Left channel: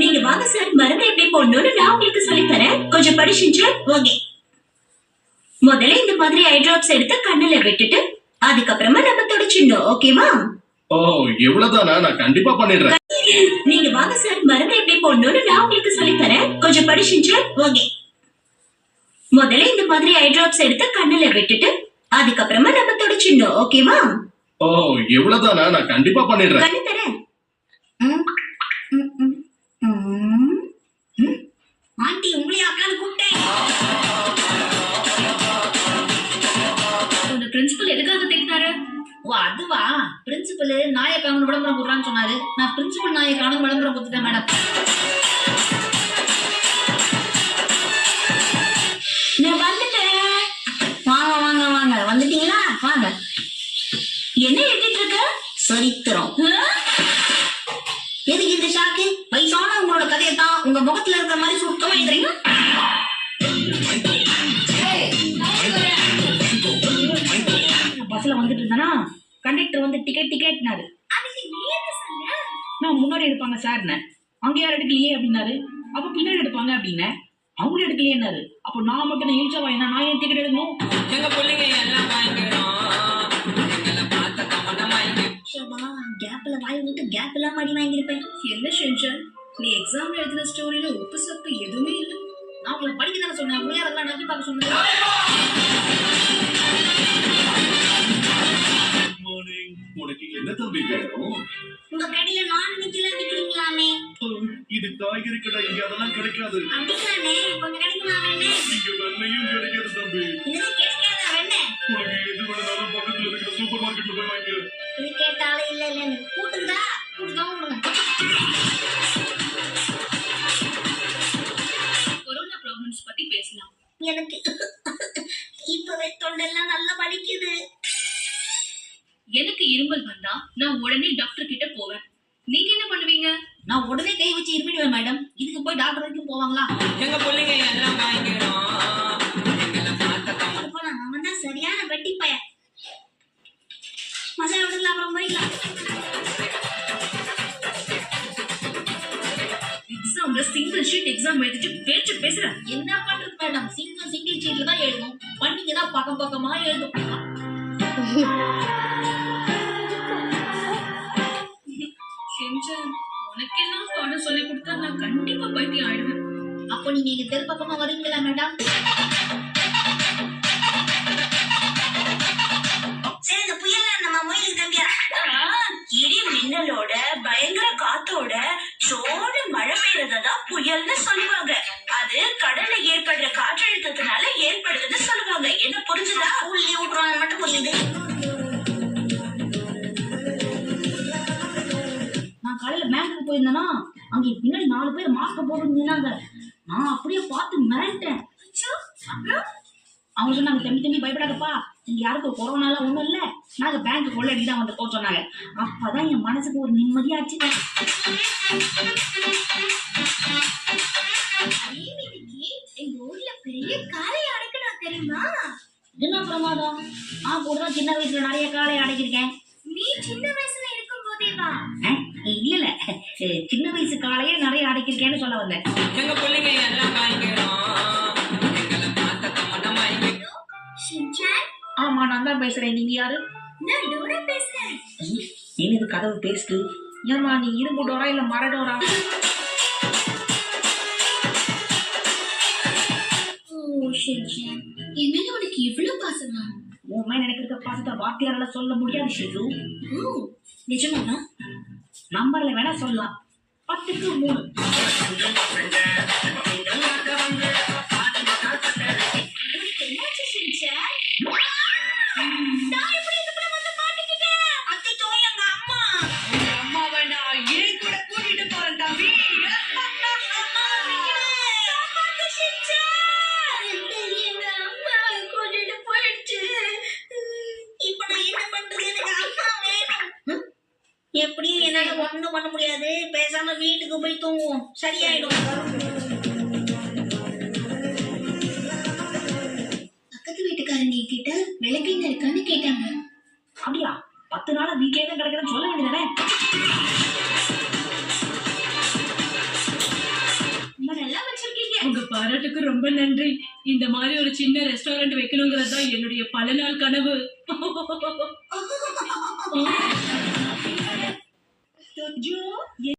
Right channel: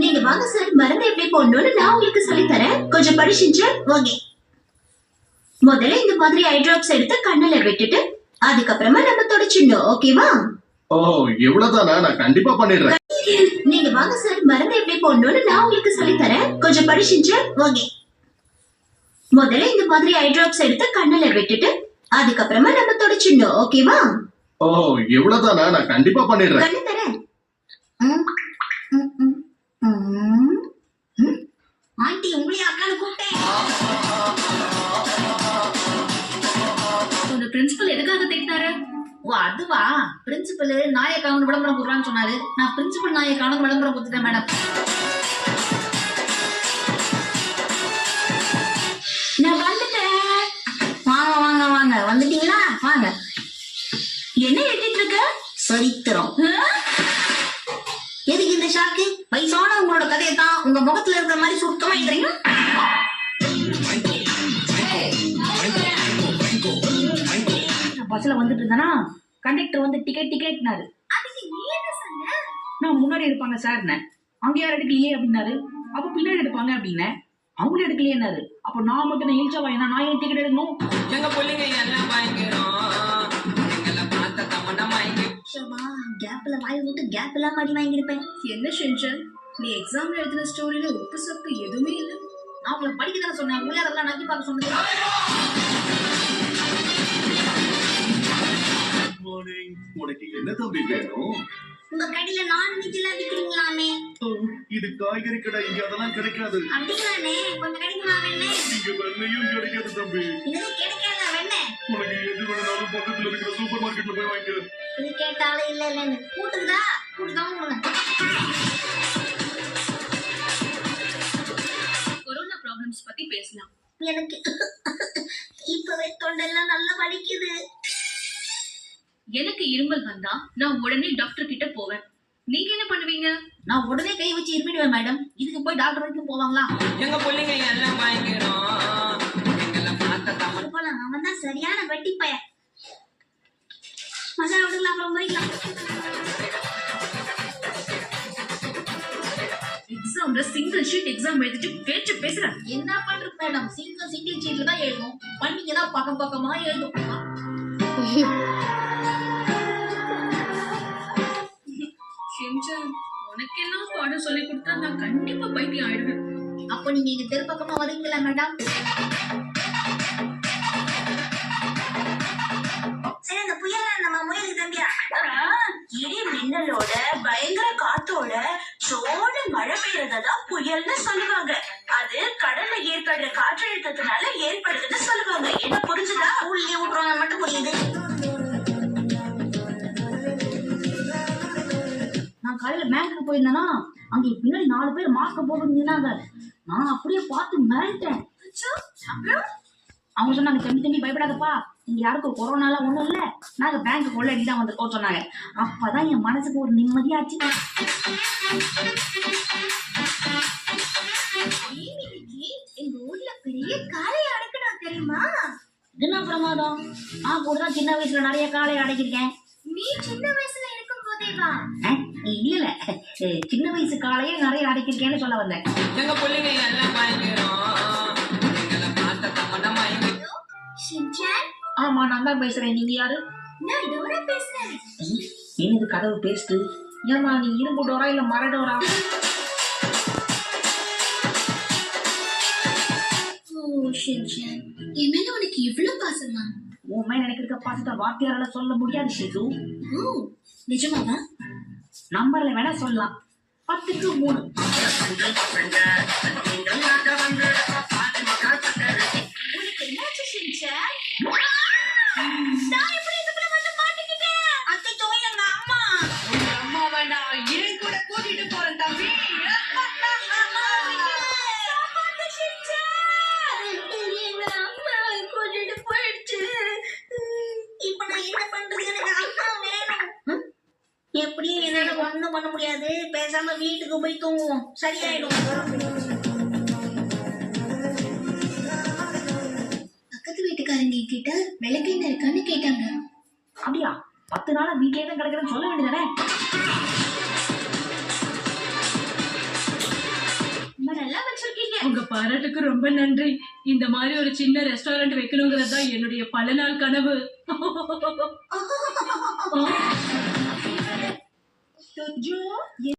நீங்க வாங்க சார், மருந்து எப்படி போடணும்னு நான் உங்களுக்கு சொல்லி தரேன். கொஞ்சம் படிச்சுட்டு ஓகே. முதல்ல இந்த மாதிரி ஐ டிராப்ஸ் எடுத்து கண்ணுல விட்டுட்டு அதுக்கப்புறமா நம்ம தொடச்சிடணும். ஓகேவா? ஓ, இவ்வளவுதானா? நான் கண்டிப்பா பண்ணிடுறேன். நீங்க வாங்க சார், மருந்து எப்படி போடணும்னு நான் உங்களுக்கு சொல்லி தரேன். கொஞ்சம் படிச்சுட்டு ஓகே. முதல்ல இந்த மாதிரி ஐ டிராப்ஸ் எடுத்து கண்ணுல விட்டுட்டு அதுக்கப்புறமா நம்ம தொடச்சிடணும். ஓகேவா? ஓ, இவ்வளவுதானா? நான் கண்டிப்பா பண்ணிடுறேன். கண்ணு தரேன். ஆண்டி உங்களையும் அக்கான்னு கூப்பிட்டேன். உங்க பிரின்சிபல் எதுக்காக திட்டினாரு? ஓ அதுவா, பிரின்சிபல் நாயக்கான விளம்பரம் போடுறான்னு சொன்னாரு. நான் பிரின்சிபல் நாயக்கான விளம்பரம் கொடுத்துட்டேன் மேடம். நான் வந்துட்டேன். வாங்க வாங்க வாங்க, வந்துட்டீங்களா? வாங்க. என்ன எழுதிட்டு இருக்க? சரித்திரம். எதுக்கு இந்த ஷாக்கு? வயசான உங்களோட கதையை தான் உங்க முகத்துல இருக்கிற மாதிரி சுருக்கமா எழுதுறீங்க. பஸ்ல வந்துட்டு இருந்தானா கண்டக்டர் வந்து டிக்கெட்னாரு. நான் முன்னாடி எடுப்பாங்க சார், அங்க யாரும் எடுக்கலையே அப்படின்னாரு. அப்ப பின்னாடி எடுப்பாங்க அப்படின்னேன். அவங்களும் எடுக்கலையேனாரு. அப்ப நான் மட்டும் இழிச்சா வாங்கினா நான் ஏன் டிக்கெட் எடுக்கணும்? எங்க பிள்ளைங்க எல்லாம் வாங்கிக்கிறோம். கேப்ல வாய் விட்டு கேப் எல்லாம் மாடி வாங்கிருப்பேன். என்ன ஷென்ஷன், நீ எக்ஸாம்ல எழுதின ஸ்டோரியில உப்பு சப்பு எதுவுமே இல்லை. நான் உங்களை படிக்க தானே சொன்னேன், உங்களே அதெல்லாம் நம்பி பார்க்க சொன்னது. உனக்கு என்ன தம்பி வேணும்? உங்க கடையில நான் வெஜ்லாம் விக்கிறீங்களாமே? இது காய்கறி கடை, இங்க அதெல்லாம் கிடைக்காது. அப்படிங்களானே? கொஞ்சம் கிடைக்குமாமே? இங்க வெண்ணையும் கிடைக்காது தம்பி. இது கிடைக்காத வெண்ணெய் உனக்கு எது வேணாலும் பக்கத்துல இருக்கிற சூப்பர் மார்க்கெட்ல போய் வாங்கிக்க. இது கேட்டாலும் இல்ல இல்லன்னு கூட்டுதா உங்களுக்கு. கொரோனா ப்ராப்ளம்ஸ் பத்தி பேசலாம். எனக்கு இப்பவே தொண்டெல்லாம் நல்லா வலிக்குது. எனக்கு இருமல் வந்தா நான் உடனே டாக்டர் கிட்ட போவேன். நீங்க என்ன பண்ணுவீங்க? நான் உடனே கை வச்சு இருமிடுவேன் மேடம். இதுக்கு போய் டாக்டர் வரைக்கும் போவாங்களா? எங்க பிள்ளைங்க எல்லாம் வாங்கிக்கிறோம். அவன் தான் சரியான வெட்டி பையன். மசாலா விடலாம், அப்புறம் போய்க்கலாம். எக்ஸாம்ல சிங்கிள் ஷீட் எக்ஸாம் எழுதிட்டு பேச்சு பேசுறேன். என்ன பண்றது மேடம்? சிங்கிள் ஷீட்ல தான் எழுதும். பண்ணீங்கன்னா பக்கம் பக்கமா எழுதும். உனக்கெல்லாம் பாடம் சொல்லி கொடுத்தா நான் கண்டிப்பா பைத்தியம் ஆயிடுவேன். அப்போ நீங்க எங்க தெரு பக்கமா வரீங்களா மேடம்? சரி, இந்த புயல் நம்ம முயலுக்கு தம்பியா இடி மின்னலோட பயங்கர காத்தோட சோழ மழை பெய்யறதான் புயல்னு சொல்லுவாங்க. அது கடல்ல ஏற்படுற காற்றழுத்தத்தினால ஏற்படுதுன்னு சொல்லுவாங்க. என்ன புரிஞ்சுதா? ஊர்லயே விட்டுருவாங்க மட்டும் புரியுது. நான் காலையில பேங்க்குக்கு போயிருந்தேன்னா அங்க பின்னாடி 4 பேர் மாஸ்க் போட்டு நின்னாங்க. நான் அப்படியே பார்த்து மிரண்டேன். அவங்க சொன்னாங்க, தம்பி பயப்படாதப்பா, இங்க யாருக்கும் கொரோனாலாம் ஒண்ணும் இல்ல, நாங்க பேங்க் கொள்ளடி தான் வந்திருக்கோம் சொன்னாங்க. அப்பதான் என் மனசுக்கு ஒரு நிம்மதியாச்சு. எங்க ஊர்ல பெரிய காளை அடக்கணும் தெரியுமா? என்ன பிரமாதம்? நான் கூட தான் சின்ன வயசுல நிறைய காளையை அடக்கிருக்கேன். நீ சின்ன வயசுல இருக்கும் போதேவா? இல்ல, சின்ன வயசு காளையே நிறைய அடக்கிருக்கேன்னு சொல்ல வந்தேன். எங்க பிள்ளைங்க எல்லாம் வாங்கிக்கிறோம். ஆமா, நான் தான் பேசுறேன். நீங்க யாரு? நான் டோரா பேசுறேன். என்னது கதவு பேசுது? ஏமா நீ இரும்பு டோரா இல்ல மர டோரா? என் மேல உனக்கு இவ்வளவு பாசமா? உன் மேல எனக்கு இருக்க பாசத்தை வார்த்தையால சொல்ல முடியாது ஷிசு. நிஜமாவா? நம்பர்ல வேணா சொல்லலாம். 10க்கு 3. உனக்கு என்னாச்சு ஷின்சான்? நான் எப்படி இதுக்குள்ள வந்து மாட்டிக்கிட்டேன்? அச்சோ, எங்க அம்மா. உங்க அம்மா வேணா, ஏன் கூட கூட்டிட்டு போறேன் தம்பி. சாப்பாடு ஷின்சான். எங்க அம்மா கூட்டிட்டு போயிடுச்சு. இப்ப நான் என்ன பண்றது? எனக்கு அம்மா வேணும். எப்படியும் என்னால ஒண்ணும் பண்ண முடியாது. பேசாம வீட்டுக்கு போய் தூங்குவோம், சரியாயிடும். பக்கத்து வீட்டுக்காரங்க கிட்ட விளக்கெண்ணெய் இருக்கான்னு கேட்டாங்க. அப்படியா? 10 நாளா வீட்லயே தான் கிடக்குறேன்னு சொல்ல வேண்டியதானே? உங்க பாராட்டுக்கு ரொம்ப நன்றி. இந்த மாதிரி ஒரு சின்ன ரெஸ்டாரண்ட் வைக்கணுங்கிறது தான் என்னுடைய பல நாள் கனவு. तो जो